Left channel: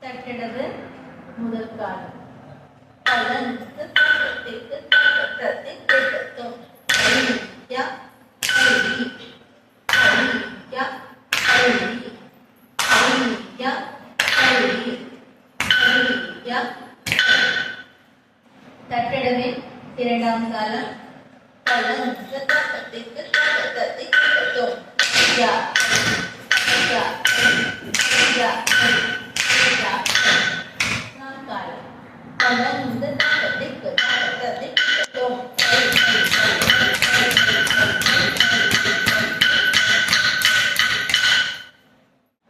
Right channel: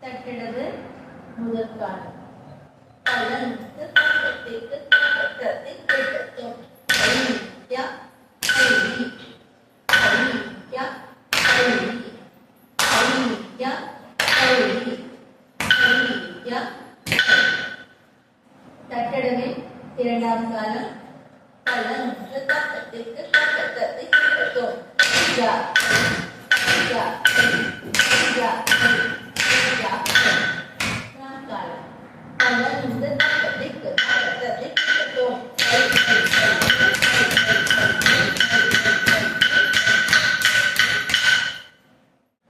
தட்டடவு முதல் காலம் கலந்து தட்டத்திற்கு தட்டத்தை திட்டத்தும் ஐயா ஐ ஐயா ஐ ஐயா ஐ ஐயா தட்டடவின் இரண்டாம் காலம் கலந்து தட்டத்திற்கு தட்டத்தை திட்டத்தும் ஐயா ஐயா ஐயா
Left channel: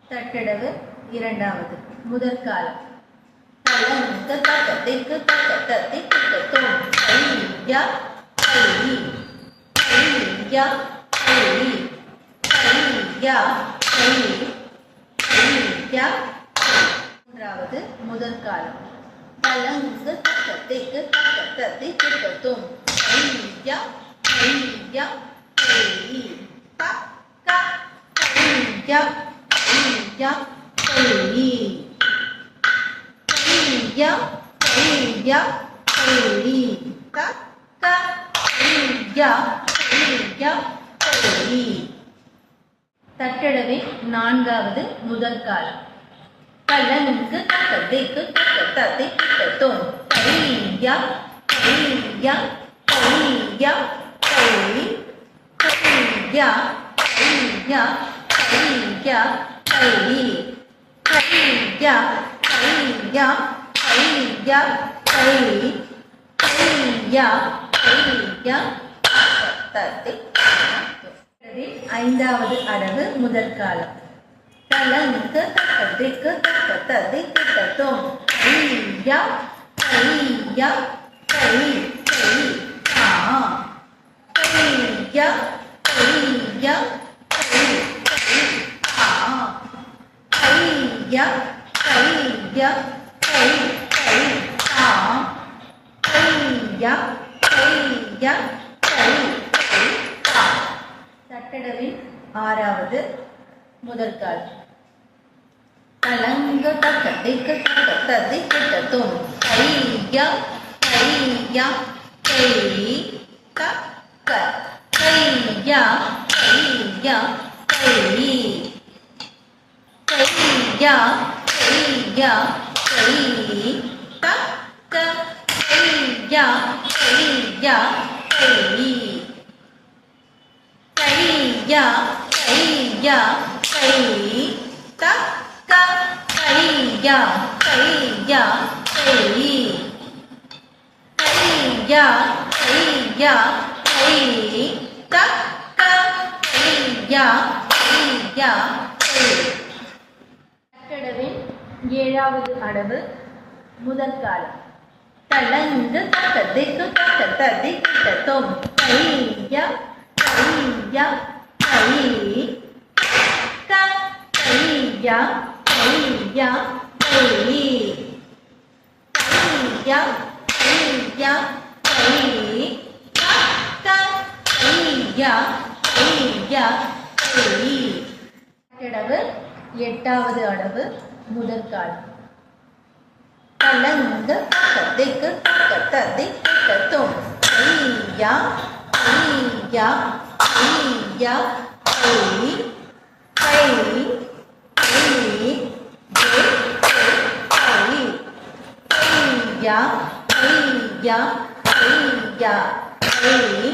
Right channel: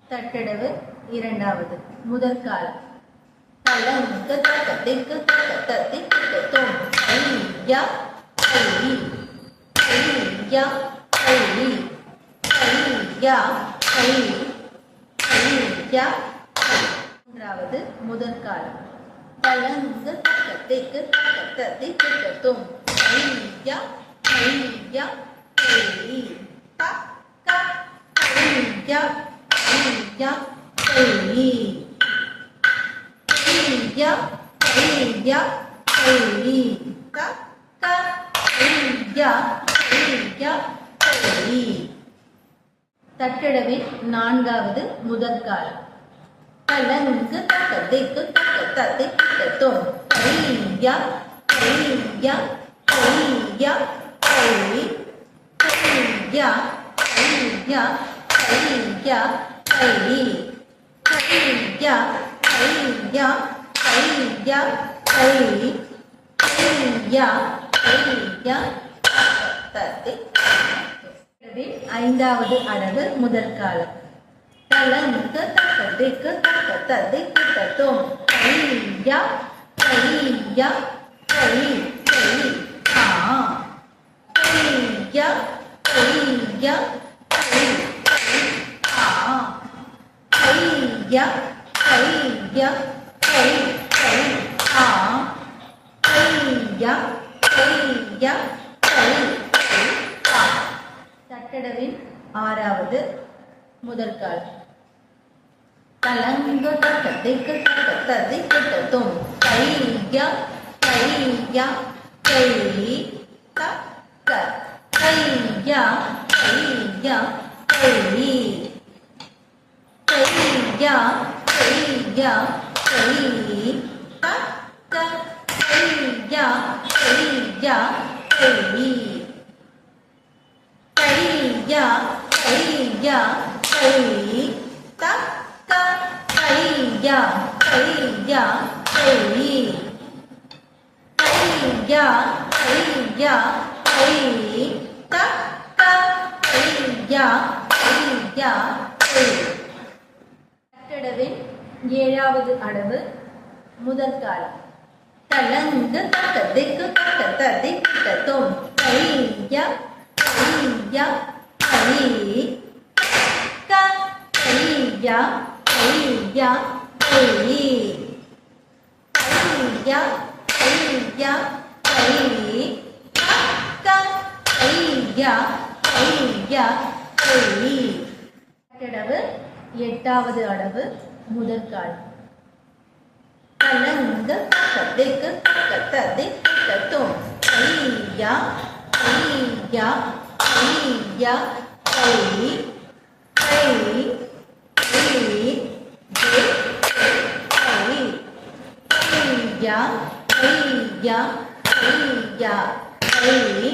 தட்டடவு இரண்டாவது முதல் காலம் கலந்து தட்டத்திற்கு தட்டத்தை திட்டத்தும் ஐயா ஐ ஐயா ஐ ஐயா ஐ ஐயா மூன்றாவது முதல் காலம் கலந்து தட்டத்திற்கு தட்டத்தை திட்டத்தும் ஐயா ஐயா ஐ க க ஐயா ஐயா ஐ ஐயா ஐயா ஐ க க ஐயா ஐயா ஐ தட்டடவின் நான்காவது முதல் காலம் கலந்து தட்டத்திற்கு தட்டத்தை திட்டத்தும் ஐயா ஐயா ஐயா ஐ ஐயா ஐயா ஐயா ஐ ஐயா ஐயா ஐயா ஐ ஐயா ஐயா தட்டத்தை ஐந்தாவது அடவு முதல் காலம் கலந்து தட்டத்திற்கு தட்டத்தை திட்டத்தும் ஐயா ஐயா ஐ ஐ ஆ ஐயா ஐயா ஐ ஐ ஆ ஐயா ஐயா ஐ ஐ ஆ ஐயா ஐயா ஐ ஐ ஆ தட்டடவின் ஆறாவது முதல் காலம் கலந்து தட்டத்திற்கு தட்டத்தை திட்டத்தும் ஐயா ஐயா ஐ க க ஐயா ஐயா ஐ ஐயா ஐயா ஐ க க ஐயா ஐயா ஐ ஐயா ஐயா ஐ க க ஐயா ஐயா ஐ ஐயா ஐயா ஐ க க ஐயா ஐயா ஐ தட்டடவின் ஏழாவது அடவு முதல் காலம் கலந்து தட்டத்திற்கு தட்டத்தை திட்டத்தும் ஐயா ஐயா ஐ க ஐயா ஐயா ஐ ஐயா ஐயா ஐ க க ஐயா ஐயா ஐ தட்டடவு எட்டாவது அடவு முதல் காலம் கலந்து தட்டத்திற்கு தட்டத்தை திட்டத்தும் ஐயா ஐயா ஐயா ஐ ஐ ஐ ஐயா ஐயா ஐயா ஐ